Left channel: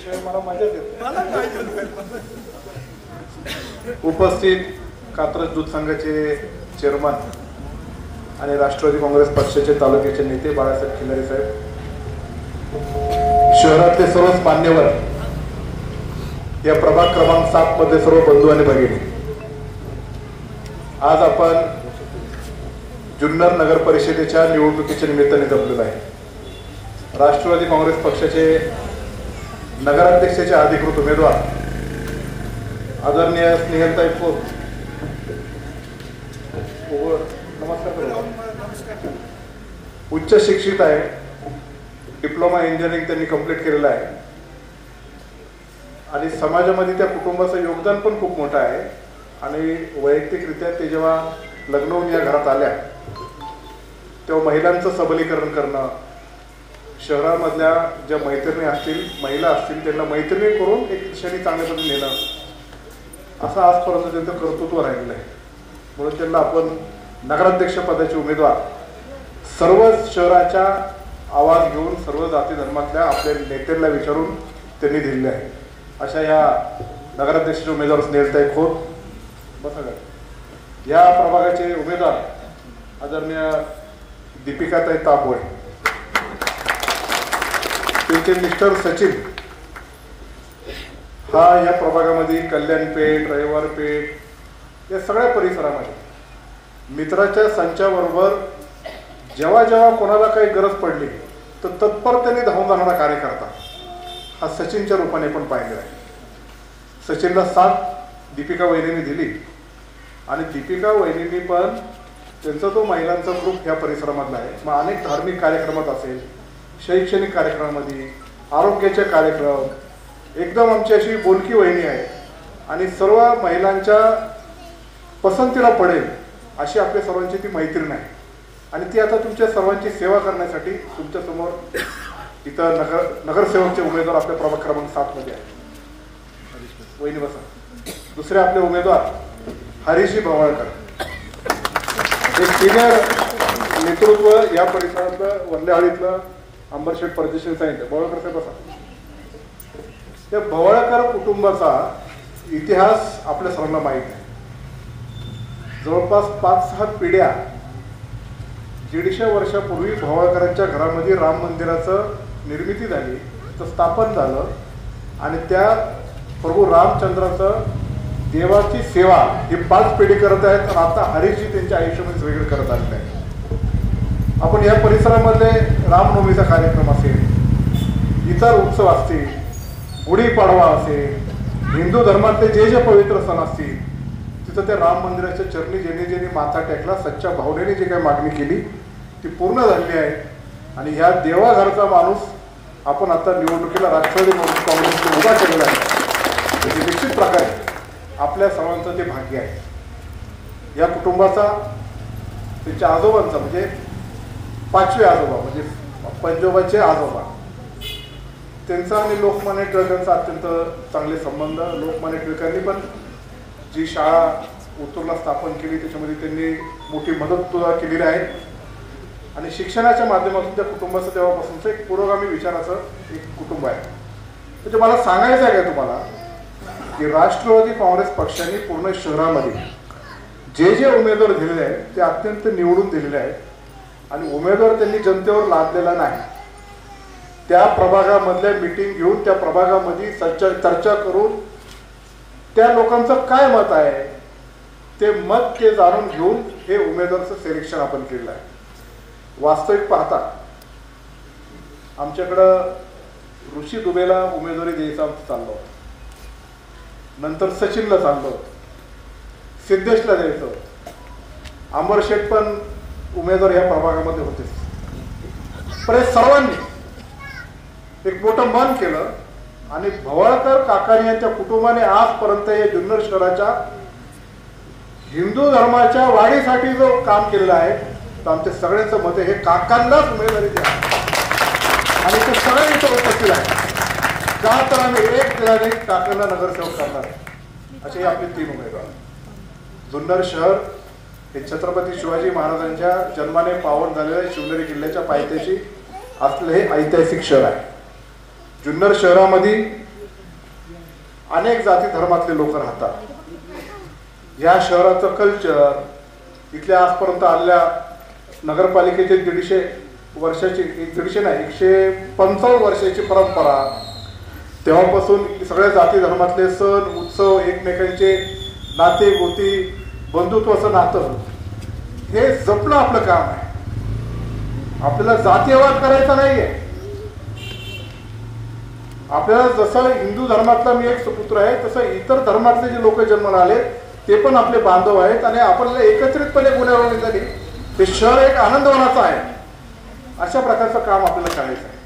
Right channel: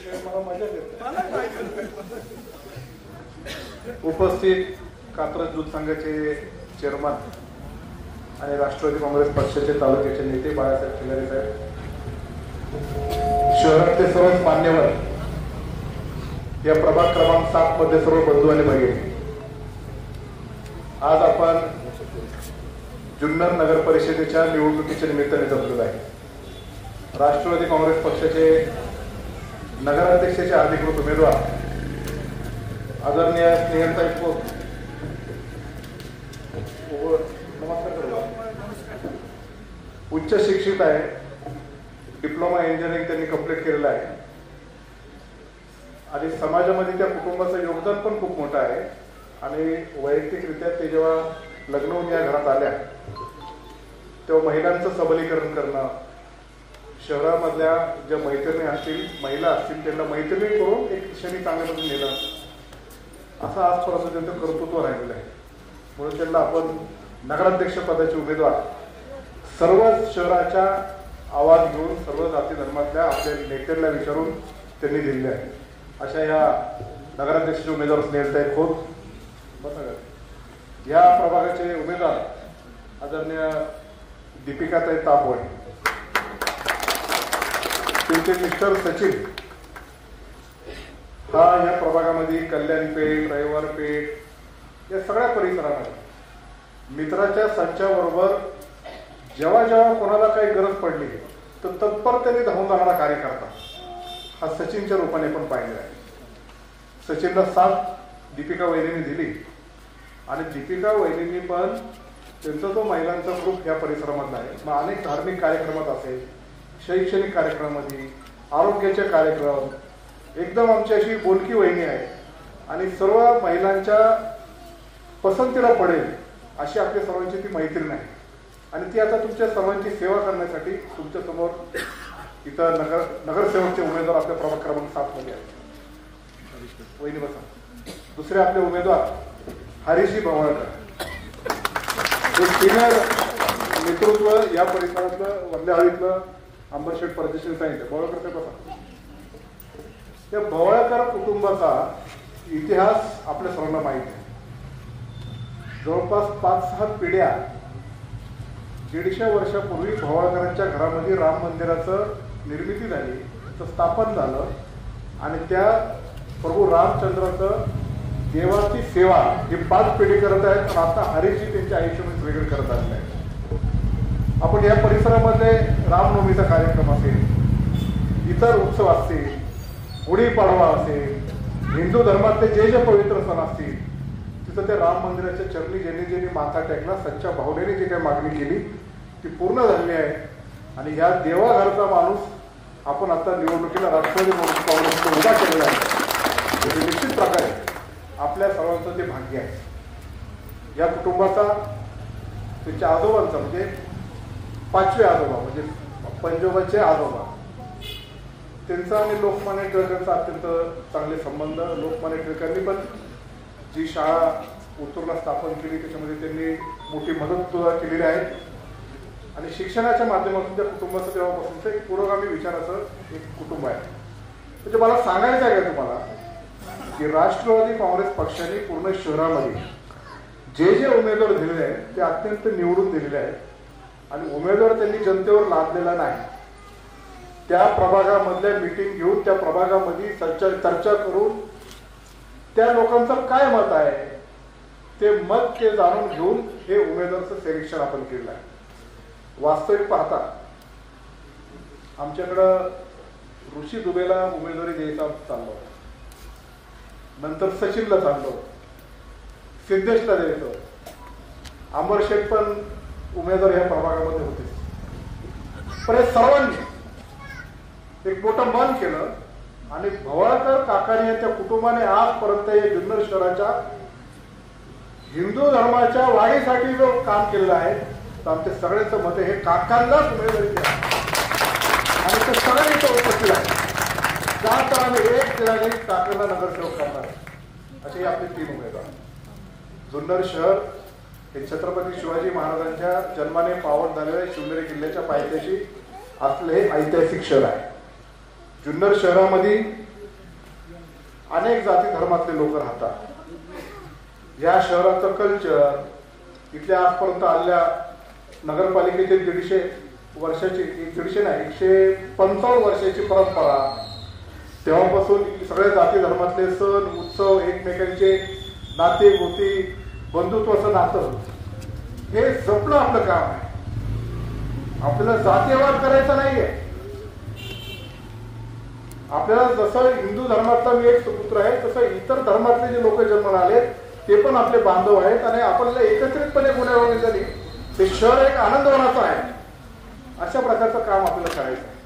बोलल्याशिवाय मला मजा येते. उपस्थित कात्रज दूध संघाचे चेअरमन आणि राष्ट्रवादी काँग्रेस पक्षाचे तालुक्याचे नेते बाळासाहेब खिल्लारे साहेब, शहरातले सर्वच मान्यवर, या प्रभाग क्रमांक 7 मध्ये सर्व बंधू आणि भगिनी, आज आपण जुन्नर नगर परिषदेच्या निवडणुकीच्या निमित्ताने जमलेलो आहे. राष्ट्रवादी काँग्रेस पक्षाचे नगराध्यक्षाचे अधिकृत उमेदवार आदरणीय स्नेहलताई खोत, उच्च शिक्षित आहे, डिप्लोमा इंजिनिअरिंग त्यांनी कंप्लीट केलेलं आहे आणि समाजामध्ये त्या कुटुंबाचं योगदान पण खूप मोठं आहे. आणि वैयक्तिकरित्या ते जेव्हा लग्न होऊन या घरात आल्या तेव्हा महिलांचं सबलीकरण करणं, शहरामधल्या ज्या मैत्रिणी असतील, महिला असतील, त्यांना मैत्रिणी करून एक दिशेने चांगल्या पद्धतीने नेणं, असं आजपर्यंत त्यांचं कर्तृत्व राहिलेलं आहे. म्हणून त्यांना आपण नगराध्यक्ष पदाचे उमेदवार सर्व शहराच्या आवाज घेऊन सर्व जाती धर्मातल्या आपल्या नेत्यांना विचारून त्यांनी दिलेले आहे. अशा या नगराध्यक्षाचे उमेदवार स्नेहलताई खोत. या प्रभागाचे उमेदवार आदरणीय दीपिकाताई ताबोळे, त्यांचे मिस्टर सचिन हा या प्रभागामध्ये कल्याणपेठ, रविवारपेठ या सगळ्या परिसरामध्ये मित्राच्या संचाबरोबर जेव्हा जेव्हा कोणाला काही गरज पडली तर तत्परतेने धावून जाणारा कार्यकर्ता हा सचिनच्या रूपाने पण पाहिलेला आहे. सचिनला साथ दीपिका वहिनीने दिली आणि दीपिका वहिनींनी पण त्यांचा तो महिलांचा ग्रुप या परिसरामधला आहे. मग अनेक धार्मिक कार्यक्रमात असेल, शैक्षणिक कार्यक्रमामध्ये, आरोग्याचे कार्यक्रम, एकदम आमची अशी बोलकी वहिनी आहे आणि सर्व महिलांच्या पसंतीला पडेल अशी आपल्या सर्वांची ती मैत्रीण आहे. आणि ती आता तुमच्या सर्वांची सेवा करण्यासाठी तुमच्या समोर इथं नगरसेवकचे उमेदवार आपल्या प्रभाग क्रमांक 7 मध्ये आहेत. वहिनी बसा. दुसरे आपले उमेदवार हरीशी भवाळकर, हे सिनियर नेतृत्व या परिसरातलं, वरल्याहळीतलं अंबरशेठ परदेशी सांगितलं. भवाळकर साहेब बसा. त्या भवाळकर कुटुंबाचा इतिहास आपल्या सर्वांना माहीत आहे. जवळपास 5-6 पिढ्या, 150 वर्षापूर्वी भवाळकरांच्या घरामध्ये राम मंदिराचं निर्मिती झाली, तर स्थापन झालं आणि त्या प्रभू रामचंद्राचं देवाची सेवा ही 5 पिढी करत आहेत. आणि आता हरीशी त्यांच्या आयुष्यामध्ये वेगळं करत आलेलं आहे. आपण या परिसरामध्ये रामनवमीचा कार्यक्रम असेल, इतर उत्सव असतील, गुढीपाडवा असेल, हिंदू धर्मातले जे जे पवित्र सण असतील, तिथं त्या राम मंदिराच्या चरणी ज्यांनी माथा टेकला, सच्च्या भावनेने जी काही मागणी केली ती पूर्ण झालेली आहे. आणि ह्या देवाघरचा माणूस आपण आता निवडणुकीला राष्ट्रवादी काँग्रेसने उभा केलेला आहे. म्हणजे निश्चित प्रकारे आपल्या सर्वांचं ते भाग्य आहे. या कुटुंबाचा, त्यांच्या आजोबांचा, म्हणजे 5वे आजोबा म्हणजे पंजोबाचे आजोबा, त्यांचा आणि लोकमान्य टिळकांचा अत्यंत चांगले संबंध. लोकमान्य टिळकांनी पण जी शाळा उत्तूरला स्थापन केली त्याच्यामध्ये त्यांनी मोठी मदत केलेली आहे. आणि शिक्षणाच्या माध्यमातून त्या कुटुंबाचं तेव्हापासूनचं एक पुरोगामी विचाराचं एक कुटुंब आहे. म्हणजे मला सांगायचं आहे का तुम्हाला की राष्ट्रवादी काँग्रेस पक्षाने पूर्ण शहरामध्ये जे जे उमेदवार दिलेले आहेत ते अत्यंत निवडून दिलेले आहेत आणि उमेदवार त्यांनी जनतेवर लादलेला नाही. त्या प्रभागामधल्या मीटिंग घेऊन त्या प्रभागामध्ये चर्चा करून त्या लोकांचं काय मत आहे ते मत ते जाणून घेऊन हे उमेदवाराचं सिलेक्शन आपण केलेलं आहे. वास्तविक पाहता आमच्याकडं ऋषी दुबेला उमेदवारी द्यायचा चाललो, नंतर सचिनला चाललो, सिद्धेशला द्यायचं, अंबरशेठ पण उमेदवार या प्रभागामध्ये होते. पण हे सर्वांनी एक मोठं मन केलं आणि भवाळकर काकाणी यांच्या कुटुंबाने आजपर्यंत या जुन्नर शहराच्या हिंदू धर्माच्या वाढीसाठी जो काम केलेलं आहे, तर आमच्या सगळ्यांचं मत हे काकांनाच उमेदवारी द्या आणि ते सगळ्यांनी उपस्थित आहे. का तर आम्ही एक दिलाने काकांना नगरसेवक करणार असे आपले 3 उमेदवार. जुन्नर शहर हे छत्रपती शिवाजी महाराजांच्या जन्माने पावन झालेल्या शिवनेरी किल्ल्याच्या पायथ्याशी असलेले हे ऐतिहासिक शहर आहे. जुन्नर शहरामध्ये अनेक जाती धर्मातले लोक राहतात. या शहराचं कल्चर, इथल्या आजपर्यंत आलेल्या नगरपालिकेचे 150 वर्षाची, 150 नाही 155 वर्षाची परंपरा, तेव्हापासून सगळ्या जाती धर्मातले सण उत्सव, एकमेकांचे नाते गोती, बंधुत्वाचं नातं, हे जपणं आपलं काम आहे. आपल्याला जातीयवाद करायचा नाहीये. आपल्याला जसं हिंदू धर्मातला मी एक सुपुत्र आहे, तसं इतर धर्मातले जे लोक जन्माला आले ते पण आपले बांधव आहेत आणि आपल्याला एकत्रितपणे गुन्हेगार झाली. हे शहर एक आनंदवनाचं आहे. अशा प्रकारचं काम आपल्याला करायचं आहे.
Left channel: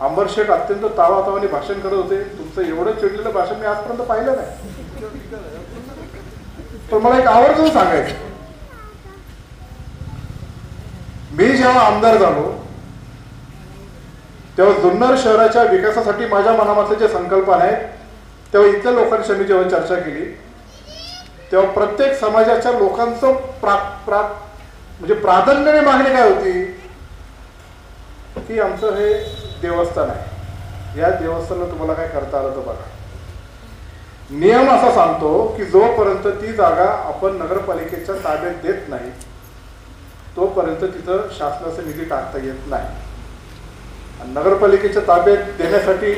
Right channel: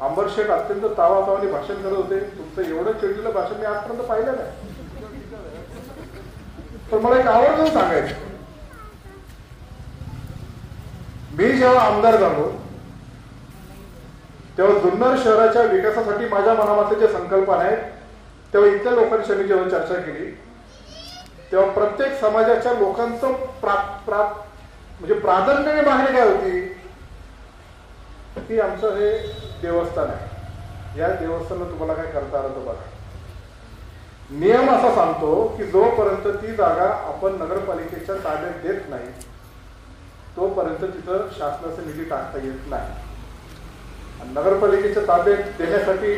अंबर शेठ अत्यंत तावातावाने भाषण करत होते. तुमचं एवढं चिडलेलं भाषण मी आजपर्यंत पाहिलं नाही. पण मला एक आवर्जून सांगायचं, मी जेव्हा आमदार झालो तेव्हा जुन्नर शहराच्या विकासासाठी माझ्या मनामधले जे संकल्पना आहेत, तेव्हा इथल्या लोकांशी मी जेव्हा चर्चा केली तेव्हा प्रत्येक समाजाच्या लोकांचं म्हणजे प्राधान्याने मागणी काय होती की आमचं हे देवस्थान आहे, या देवस्थानाला तुम्हाला काय करता आलं तर बघा. नियम असा सांगतो की जोपर्यंत ती जागा आपण नगरपालिकेच्या ताब्यात देत नाही तोपर्यंत तिथं शासनाचा निधी टाकता येत नाही. नगरपालिकेच्या ताब्यात देण्यासाठी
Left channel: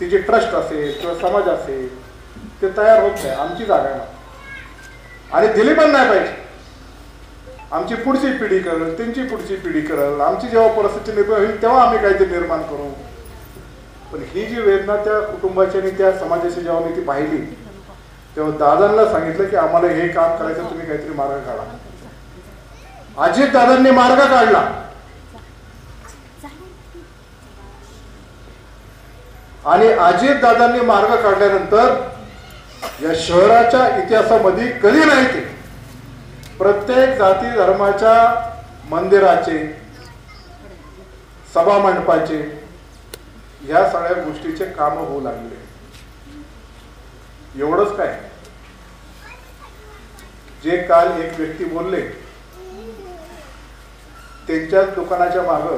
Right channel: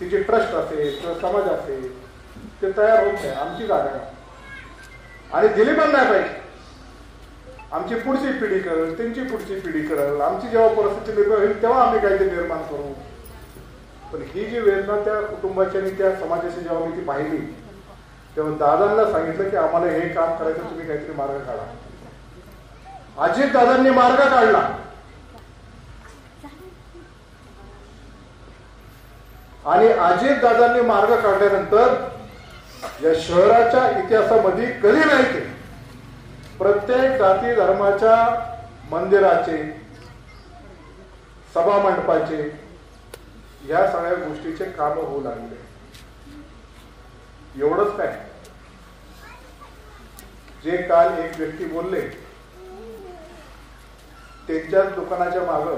ती जे ट्रस्ट असेल किंवा समाज असेल ते तयार होत नाही. आमची जागा आहे आणि दिली पण नाही पाहिजे. आमची पुढची पिढी करेल, त्यांची पुढची पिढी करेल, आमची जेव्हा परिस्थिती निर्माण होईल तेव्हा आम्ही काहीतरी निर्माण करू. पण ही जी वेदना त्या कुटुंबाची आणि त्या समाजाची जेव्हा मी ती पाहिली तेव्हा दादांना सांगितलं की आम्हाला हे काम करायचं, तुम्ही काहीतरी मार्ग काढा. अजित दादांनी मार्ग काढला. आणि अजित दादांनी मार्ग काढल्यानंतर या शहराच्या इतिहासामध्ये कधी नाही ते प्रत्येक जाती धर्माच्या मंदिराचे, सभा मंडपाचे, या सगळ्या गोष्टीचे काम होऊ लागले. एवढंच काय, जे काल एक व्यक्ती बोलले त्यांच्याच दुकानाच्या मागे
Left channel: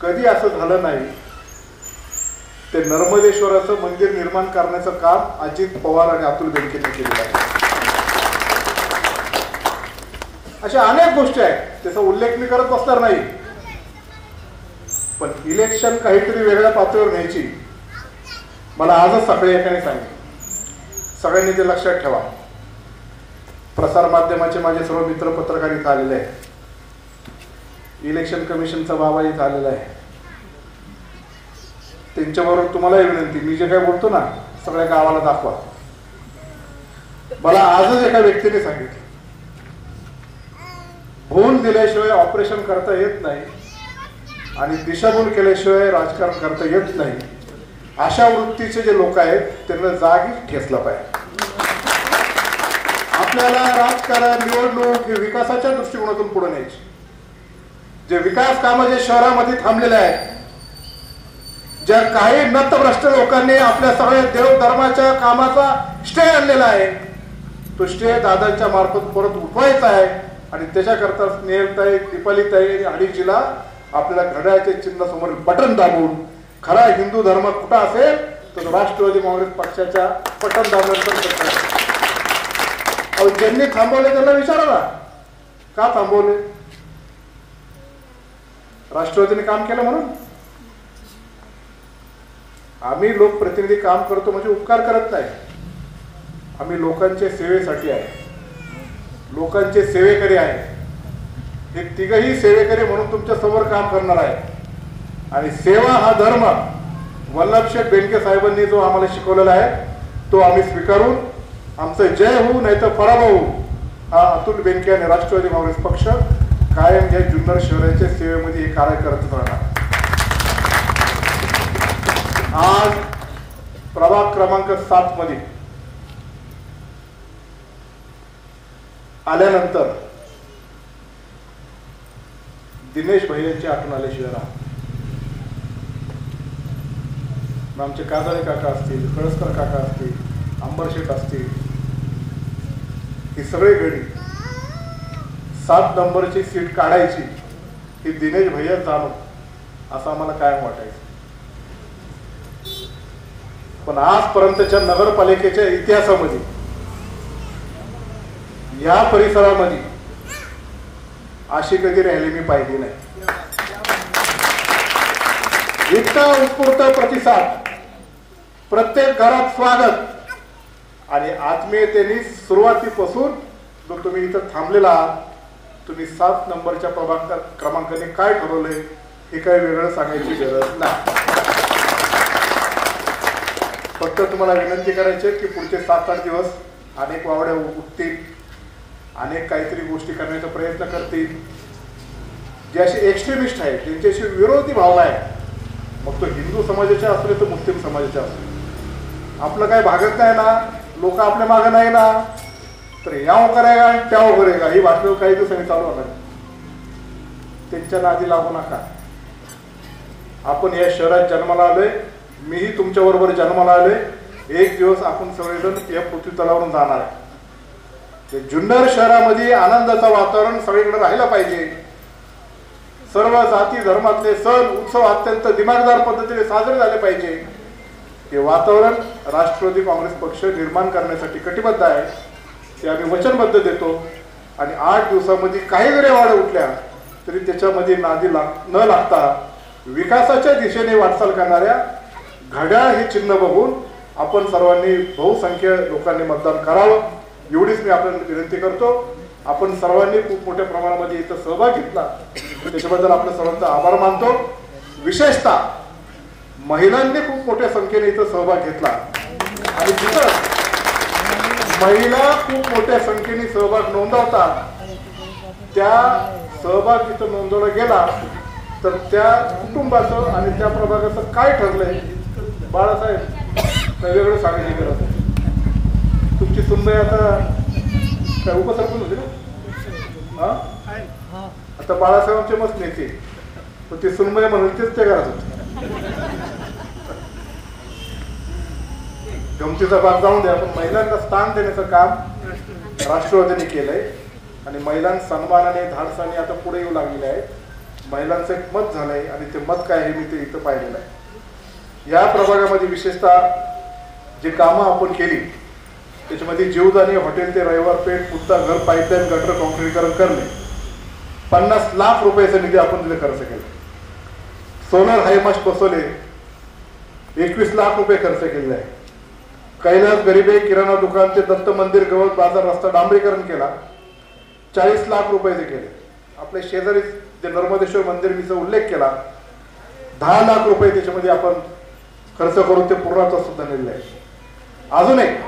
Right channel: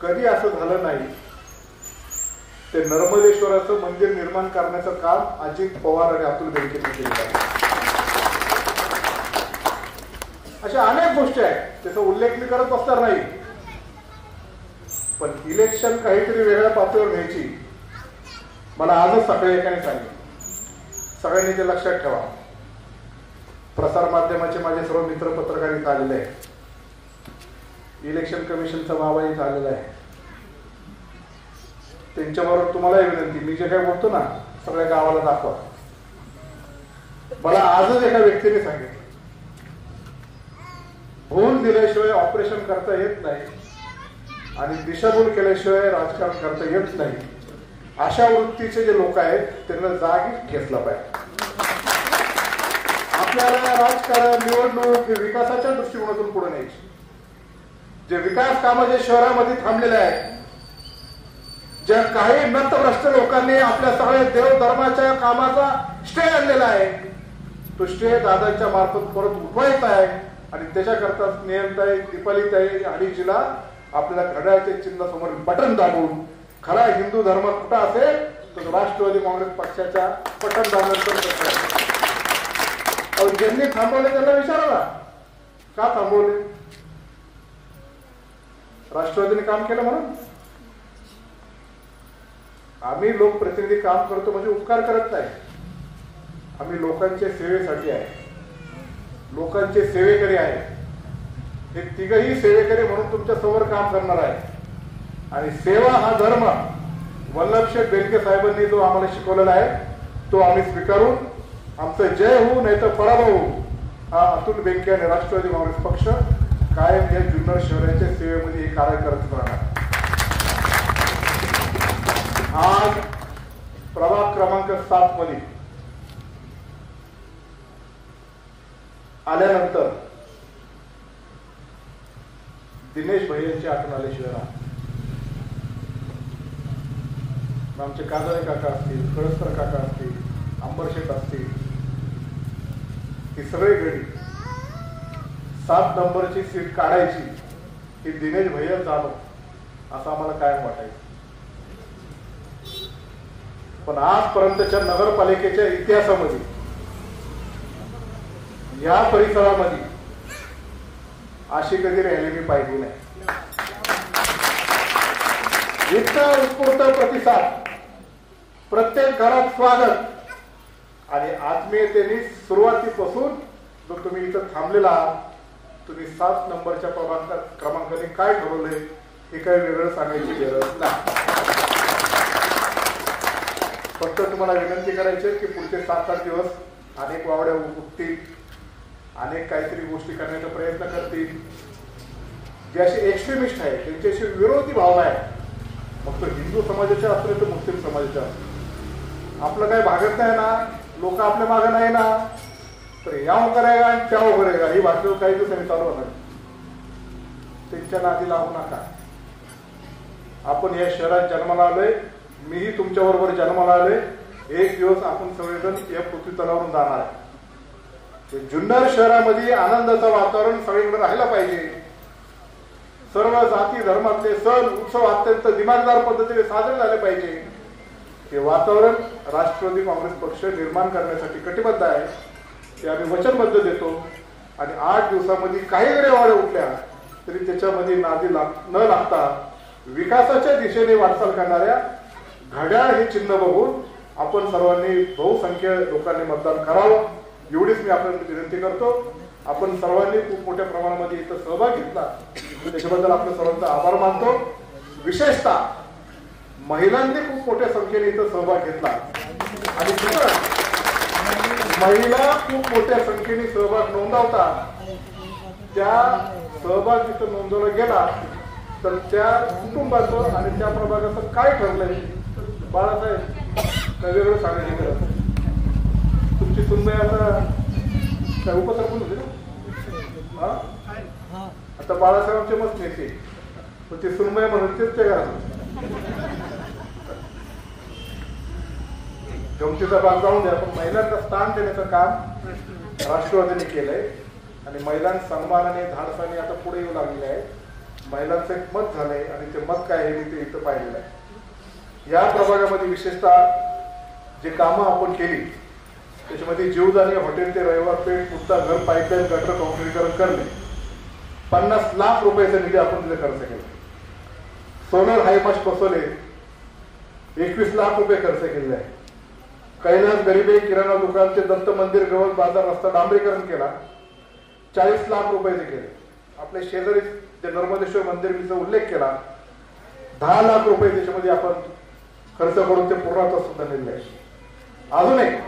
कधी असं झालं नाही. ते नर्मदेश्वराचं मंदिर निर्माण करण्याचं काम अजित पवार आणि अतुल बेनकेंनी केलेलं आहे. अशा अनेक गोष्टी आहेत, त्याचा उल्लेख मी करत बसणार नाही. पण इलेक्शन काहीतरी वेगळ्या पातळीवर न्यायची मला आजच सकाळी एकाने सांगितलं. सगळ्यांनी ते लक्षात ठेवा. प्रसार माध्यमाचे माझे सर्व मित्र पत्रकार इथं आलेले आहेत. इलेक्शन कमिशनचा बाबा इथं आलेला आहे. त्यांच्याबरोबर तुम्हालाही विनंती, मी जे काय बोलतो ना सगळ्या गावाला दाखवा. मला आजच एका व्यक्तीने सांगितलं, भूल दिल्याशिवाय ऑपरेशन करता येत नाही आणि दिशाभूल केल्याशिवाय राजकारण करता येत नाही. अशा वृत्तीचे जे लोक आहेत त्यांना जागीच ठेचलं पाहिजे. आपल्याला राजकारण, निवडणूक हे विकासाच्या दृष्टिकोनातून पुढे न्यायचे. जे विकास कामं जे शहरामध्ये थांबलेले आहेत, ज्या काही नतभ्रष्ट लोकांनी आपल्या सगळ्या देव धर्माच्या कामाचा स्टे आणलेला आहे, तो स्टे दादांच्या मार्फत परत उठवायचा आहे. आणि त्याच्याकरता स्नेहलताई, दीपालीताई अडीचीला आपल्याला घड्याळाच्या चिन्हासमोर बटन दाबून खरा हिंदू धर्म कुठं असेल तर राष्ट्रवादी काँग्रेस पक्षाच्या बटन दाबण्याचं. ज्यांनी थांबवले त्यांना विचारा ना, का थांबवले? राष्ट्रवादीने काम केलं म्हणून? आम्ही लोकप्रतिनिधी काम करतो म्हणजे उपकार करत नाही. आम्ही लोकांच्या सेवेसाठी आहे, लोकांचे सेवेकरी आहे. हे तिघही सेवेकरी म्हणून तुमच्या समोर काम करणार आहे. आणि सेवा हा धर्म वल्लभशेठ बेनके साहेबांनी जो आम्हाला शिकवलेला आहे तो आम्ही स्वीकारून आमचं जय होऊ नाही तर पराभव होऊ हा अतुल बेनके आणि राष्ट्रवादी काँग्रेस पक्ष कायम या जुन्नर शहराच्या सेवेमध्ये हे कार्य करत राहणार. आज प्रभाग क्रमांक 7 मध्ये आल्यानंतर दिनेश भैयांची आठवण आल्याशिवाय राहत. आमचे काजळे काका असतील, कळसकर काका असतील, अंबरशेठ असतील, ही सगळी गडी 7 नंबरची सीट काढायची ही दिनेश भैया चालू असं आम्हाला कायम वाटायचं. पण आजपर्यंतच्या नगरपालिकेच्या इतिहासामध्ये या परिसरामध्ये अशी कधी रॅली मी पाहिली नाही. इतका उत्स्फूर्त प्रतिसाद, प्रत्येक घरात स्वागत आणि आत्मीयतेने सुरुवातीपासून जर तुम्ही इथं थांबलेला आहात, तुम्ही 7 नंबरच्या प्रभाग क्रमांकाने काय ठरवलंय हे काही वेगळं सांगायची गरज नाही. फक्त तुम्हाला विनंती करायची की पुढचे 7-8 दिवस अनेक वावड्या उठतील, अनेक काहीतरी गोष्टी करण्याचा प्रयत्न करतील. जे असे एक्स्ट्रीमिस्ट आहेत, ज्यांच्याशी विरोधी भावना आहे, मग तो हिंदू समाजाचे असले तर मुस्लिम समाजाचे असले, आपलं काय भागत नाही ना, लोक आपल्या मागे नाही ना, तर याव करेगा त्याव करेगा ही बातमी काही दिवसांनी चालू होणार. त्यांच्या नादी लागू नका. आपण या शहरात जन्माला आलोय, मीही तुमच्या बरोबर जन्माला आलोय. एक दिवस आपण सगळेजण या पृथ्वी तलावरून जाणार आहे. जुन्नर शहरामध्ये आनंदाचं वातावरण सगळीकडे राहायला पाहिजे. सर्व जाती धर्मातले सण उत्सव अत्यंत दिमागदार पद्धतीने साजरे झाले पाहिजे. हे वातावरण राष्ट्रवादी काँग्रेस पक्ष निर्माण करण्यासाठी कटिबद्ध आहे. ते आम्ही वचनबद्ध देतो. आणि 8 दिवसामध्ये काही जरी वाढ उठल्या तरी त्याच्यामध्ये नादी न लागता विकासाच्या दिशेने वाटचाल करणाऱ्या घड्याळ हे चिन्ह बघून आपण सर्वांनी बहुसंख्य लोकांनी मतदान करावं, एवढीच मी आपल्याला विनंती करतो. आपण सर्वांनी खूप मोठ्या प्रमाणामध्ये इथं सहभाग घेतला, त्याच्याबद्दल आपल्या सर्वांचा आभार मानतो. विशेषतः महिलांनी खूप मोठ्या संख्येने इथं सहभाग घेतला आणि तिथं महिला खूप मोठ्या संख्येने सहभाग नोंदवतात. त्या सहभाग जिथं नोंदवला गेला तर त्या कुटुंबाचं आणि त्या प्रभागाचं काय ठरलंय, बाळासाहेब काय वेगळं सांगायची गरज. तुमची सुनबाई आता काय उपसरपंच होते ना, आता बाळासाहेबांचे मस्त नेते, पण ते सुनबाई म्हणून तेच ते घरात होते. गमतीचा भाग जाऊन द्या, पण महिलांना स्थान देण्याचं काम राष्ट्रवादीने केलंय आणि महिलांना सन्मानाने धाडसाने आता पुढे येऊ लागलेले आहेत. महिलांचं एक मत झालंय आणि ते मत काय आहे मी ते इथं पाहिलेलं आहे. या प्रभागामध्ये विशेषतः जे कामं आपण केली त्याच्यामध्ये जीवदानी हॉटेल ते रविवार पेठ पुत्ता घर पाईपलाईन गटर काँक्रीटीकरण करणे, 50 लाख रुपयाचा निधी आपण तिथे खर्च केला. सोलर हायमास्ट बसवले, 21 लाख रुपये खर्च केलेले आहे. कैलास गरीबे किराणा दुकान ते दत्त मंदिर गवत बाजार रस्ता डांबरीकरण केला, 40 लाख रुपयाचे केले. आपल्या शेजारी जे नर्मदेश्वर मंदिर मीचा उल्लेख केला, 10 लाख रुपये त्याच्यामध्ये आपण खर्च करून ते पूर्णत्वास सुद्धा नेलेलं आहे. अजून एक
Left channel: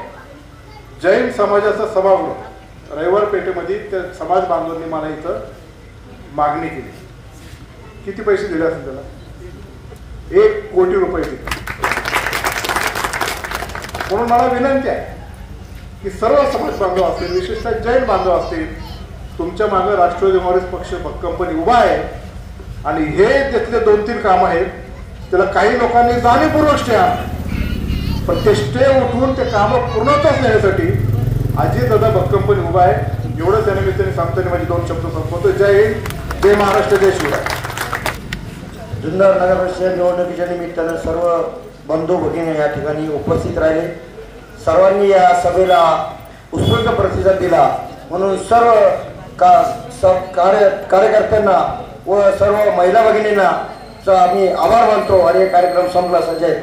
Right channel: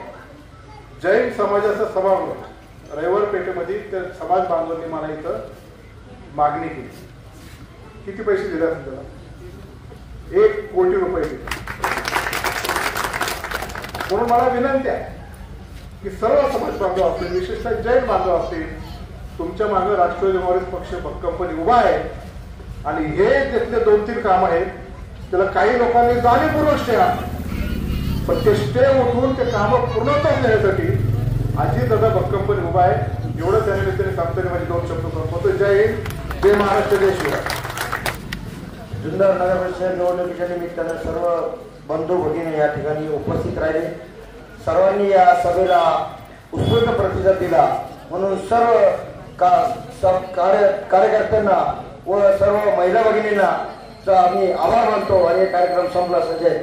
जैन समाजाचा सभागृह रविवार पेठेमध्ये त्या समाज बांधवांनी मला इथं मागणी केली. किती पैसे दिले असेल त्याला? 1 कोटी रुपये दिले. म्हणून मला विनंती आहे की सर्व समाज बांधव असतील, विशेषतः जैन बांधव असतील, तुमच्या मागे राष्ट्रवादी काँग्रेस पक्ष कंपनी उभा आहे आणि हे त्यातले 2-3 काम आहेत त्याला काही लोकांनी जाणीवपूर्वक स्टे आणले, पण ते स्टे उठवून ते कामं पूर्णत्वास नेण्यासाठी अजितदादा कंपनी उभा आहे. एवढंच त्या निमित्ताने सांगताना माझे 2 शब्द संपवतो. जय हिंद, जय महाराष्ट्र, जय शिवराय. जुन्नर नगर परिषद निवडणुकीच्या निमित्तानं सर्व बंधू भगिनी या ठिकाणी उपस्थित राहिले. सर्वांनी या सभेला उत्स्फूर्त प्रतिसाद दिला, म्हणून सर्व कार्यकर्त्यांना व सर्व महिला भगिनींना आम्ही आभार मानतो आणि कार्यक्रम संपला. सजय